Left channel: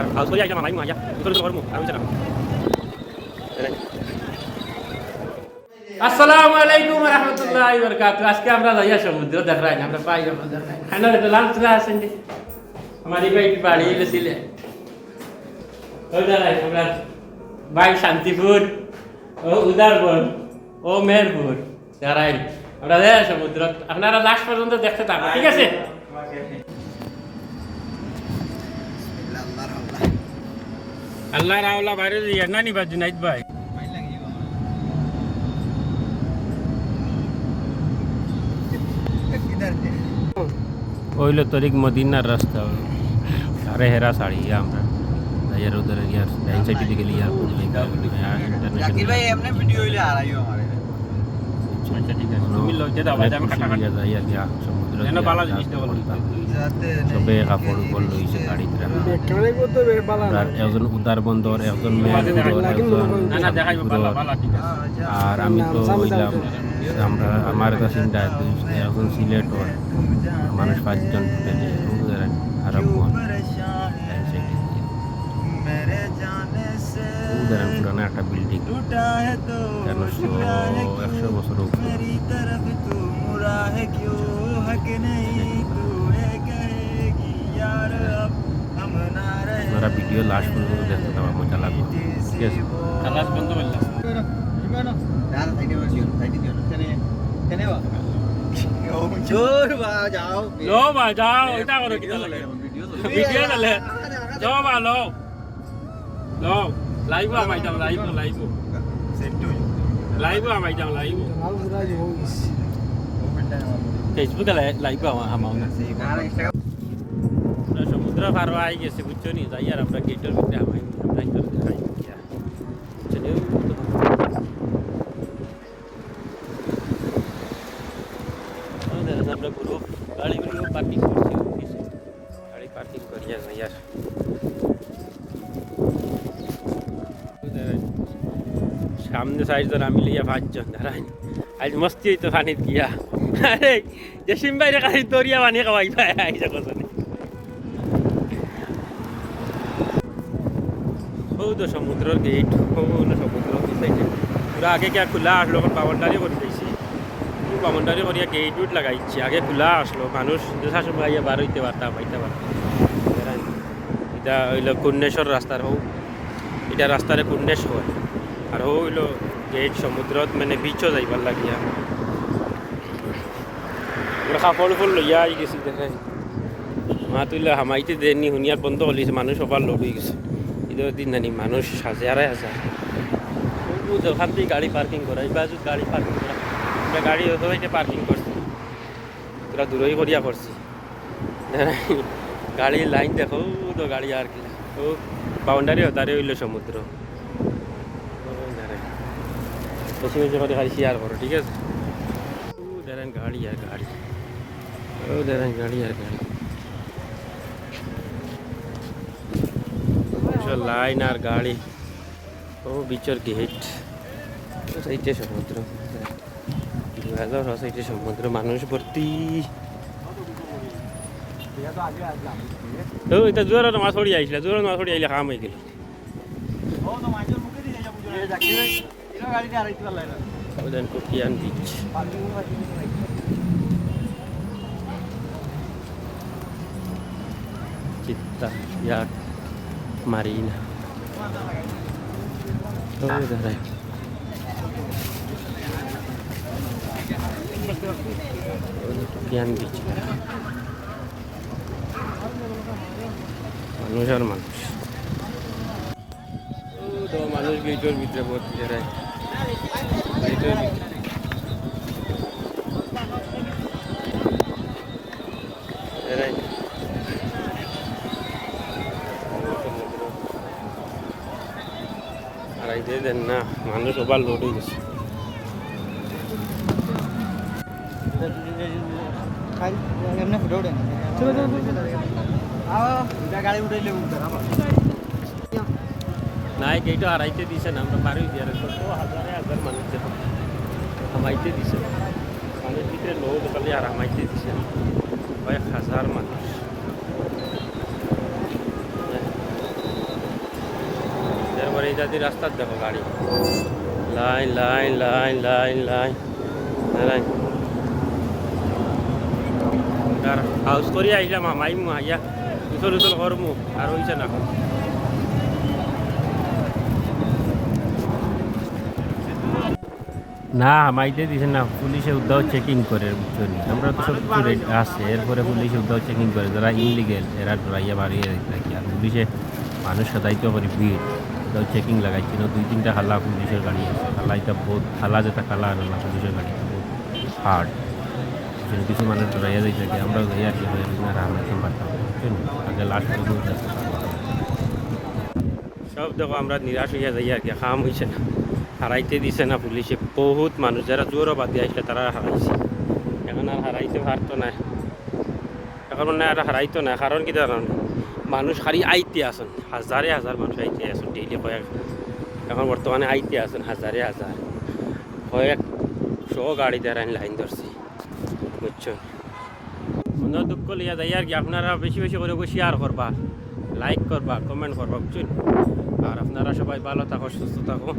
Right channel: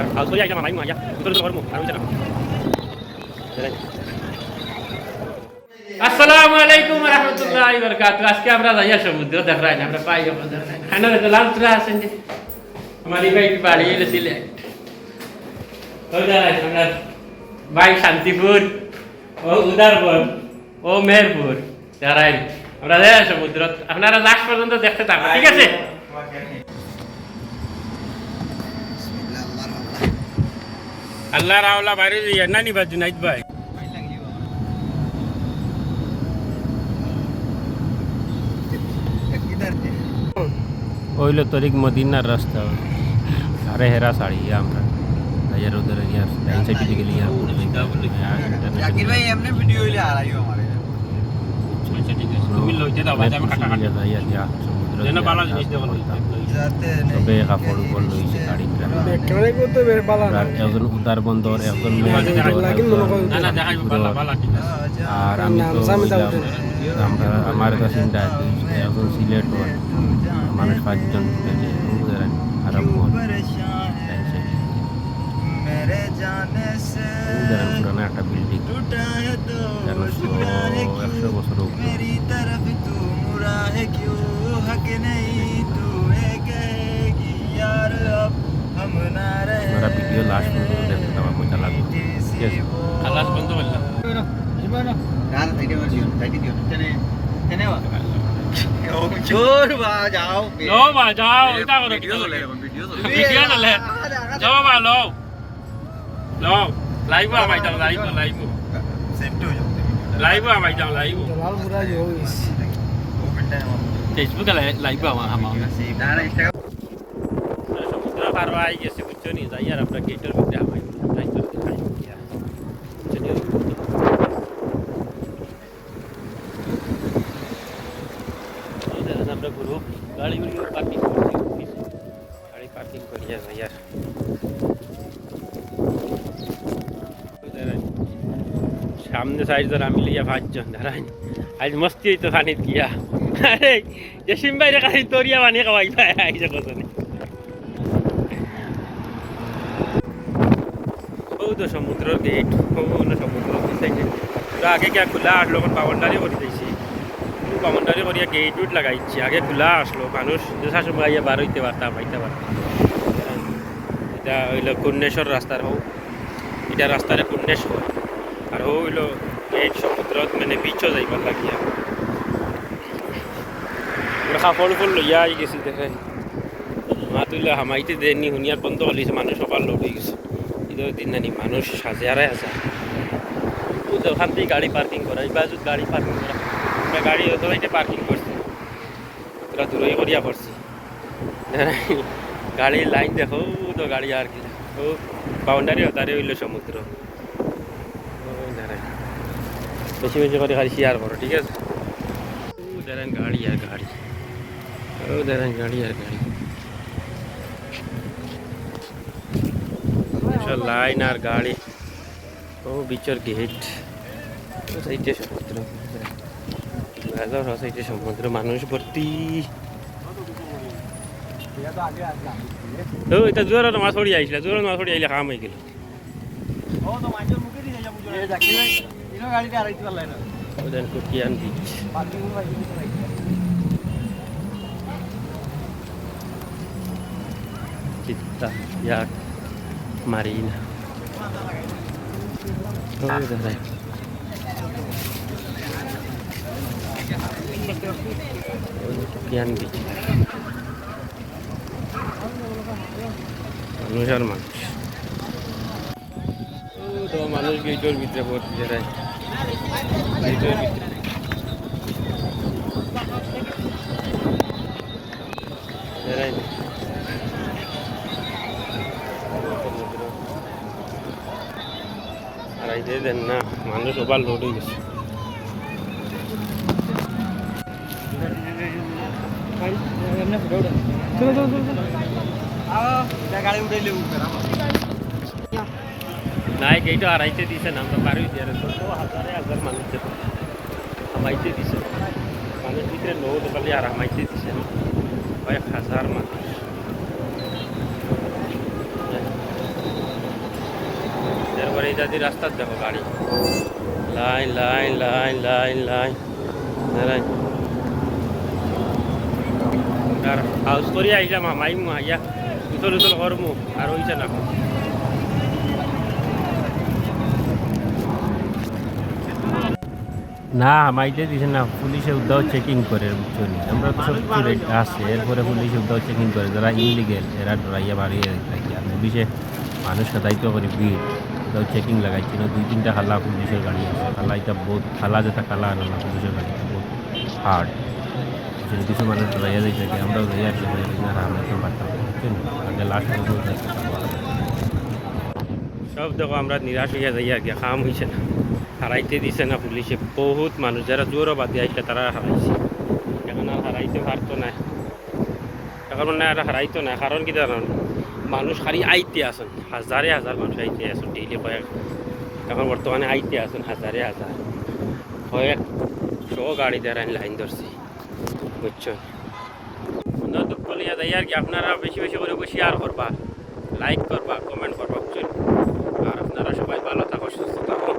আর খাওয়া সরি আইলাম মাইমু আয়া ভিতরে তো করমু আর হইছে না আসসালামু আলাইকুম ওয়া রাহমাতুল্লাহি ওয়া বারাকাতুহু আজকে আমরা যাইয়া সমুদ্র দেখাই না আমরা পাই যাব দেখাই খানা রে লাল তুরা আছেন যে আমারি ভাই বাড়ি এলে সিলেট ওই দাঁড়াই আমরা ভাই শান্তিপুর ও উদারপুর ও মেহেরপুর দাঁড়াই আমরা যাইয়া সমুদ্র আপনারা লাস্ট পর্যন্ত দেখতে থাকুন ঠিক আছে আল্লাহ রাওলা বাইরে যাইয়া নানি বাজু নাইত ভাই ওইলো তরিক মদিনার রাস্তা সারে হেরা সাড়ি আমরা यार उधर यार डाइन साइड पे गली यार पूरी इंटरनेशनल भाई हमने वीडियो ले आ रही हो हमारे अच्छा ठीक है मिल लो ज्यादा आवाज में काटा काटा यार क्या समुद्र ना बाला সবে কাপড় গোল লইছে গাড়িতে রাখা ক্যামেরা কত বালা একজন উদার বন্দর একজন মেহেরপুর আর আমি তো আমরা আমার কাছে চিন্তা একজন সিলেট মানুষ 5 জন ফুটেছে উদার আরব মন উদাহরণ পুরানো একটা বিল্ডিং 100 বছর আপনারা ভিডিও লাস্ট পর্যন্ত দেখতে পাবেন মজা লাগবে ঠিক আছে লাস্ট পর্যন্ত বললাম জোর বাজাও লো বাজাও এটা করো ভিডিও চলে যাও মা লো লো লাইভ আমাই যাও লাইভ সেট হয়ে যাবে লাইভ আমাই যাও লাইভ লাল পুরা যে হোইস ফেসবুকে লাইভ আমাও না সমুদ্র পার হয়ে গেছে বুঝছো নি যাই আর আমরা গেটের ভিতরে আমাই আমরা তো খাই চলিও ওদের আমরা গ্রুপ গাড়ি পার্কিং कर दिया यार सामने साइड जरा मिली या 5 जन धराई आज मस्ती तो खानित किया अरे जशीम भाई रे खाली तोरिया बानी का वाईफाई आई जगह से बहुत समुद्र गेट हो समुद्र की साइड पूरा आगे क्या खुला आठ लोग बाउंड्री করি যাইছে বাউন্ডারি করিয়া গেট উট লাগাইছে আগে খোলা আসলো মানুষ যথা সময় বার হইতে পারতা পাইতে পারতা এটা হইলো কুন্নেশ্বর রাস্তার হোক এটা রাস্তারে কুন্নেশ্বর আর হইলো গেট সমুদ্রত মানে বিচও যাইবার লাগিয়া কাপড় ফুল লইয়া আই গেছি দেখাই মাতুলে হামাইতে দেনি হুনিয়ার বন্ধ হলিছে মানুষ সবার লোক হয়ে গেছে ঈদের দিন জানি মানুষ হাজারে হাজার ওখান থেকে গাড়ি পার্কিং করা এই বাজু গাড়ি পার্কিং করা গাড়ি ওইটা পার্কিং করছি তোরা দূরই করিয়া করছি গাড়ির লাইন দেখো তো গাড়ি আর কি ও বাউন্ডারি তারে হইল সমুদ্র বেশি বেশি করে খালি শেয়ার করো ঠিক আছে ও দেখেন গাড়ি আর গাড়ি ও দেখেন গাড়ি আর গাড়ি লাইন আর গাড়ি ও বিচর গেট সাইডে সমুদ্র সাইডে সমুদ্র মানুষ ভর্তি এটা জোরে মাছ পড়ি আইছিল জোরে মাছ পড়ি আইলে কাম হয়ে গেল ওদেন কুকিয়ান বিচ চিত্তা ইয়াক মারিনা কুকিয়ান বিচ মানুষ আর মানুষ তো মানুষ গেটের ভিতরে ভর্তি যারাই গেটের ভিতরে আর এই দেন না মানুষ সবার লোড হয়ে গেছে নাই গেইটো হারাইতে দিছে না আমরা পারই দিয়ে তো হাজারে হাজার মানুষ হামাইতে দিছে মানুষ ভিতরে লোড খালি আর হামাইতে দিছে কয়েক হাজার মানুষ এরপরে এই জাতির রাস্তার দেখো গাড়ি line line line line line line আর হাউস করি আইলাম মাইমু আইয়া উতল উতল করমু আর হইছে না না মাইতে দিছে না পুলিশে উদ্ধাও চেকিং করে বুঝছো নি আমরা তো সব কিছু রেডি আছে এরপরে পুলিশে উদ্ধাও চেকিং করে যারা ইনলিগেল এরা ডরাইয়া বাড়িয়ে রাখি আর পুলিশে মানুষ সাদাইতে করে ভিড় উদ্ধাও চেকিং লাগাইছি না 2-3টা খালা পুলিশের গাড়ি আছে খালা এটা বহুত খালা যেটা খালা আনালা পুলিশের গাড়ি বহুত হার্ড কিছু মানুষ ডরাইয়া যাই থাকে আমরাও যাই আর কি হয়ে না রামাইতাম পারতাম বুঝছেন আগে লাস্ট পর্যন্ত সব দেখো আমরা নিরাশ হইয়া যাই আর কি কাম হয়েছে না হারাইতে দিছে না পুলিশে বহুত মানুষ যারা জোরও বাদে আসলে তারা হারাইছে এখন আর হারাইতে পারতো না এখন মানে আর হারাইতো না কারণ কি জানান মানুষ খালি আইতে আসেন হাজারে হাজার মানুষ আইতে আসেন ডেইলি কয়েক এখন বর্তমানে আইতে আসেন হাজারে হাজার কয়েকশো গাড়ি দ্বারা লাইন ধরছি বুঝছেন সুন্দর দুঃখ লিয়া যাই আর কি আপনারা বেশি বেশি করে শেয়ার করবা লাইক করবা কমেন্ট করবা বুঝছেন আর আপনারা সবাই ভালো থাকো সুস্থ থাকো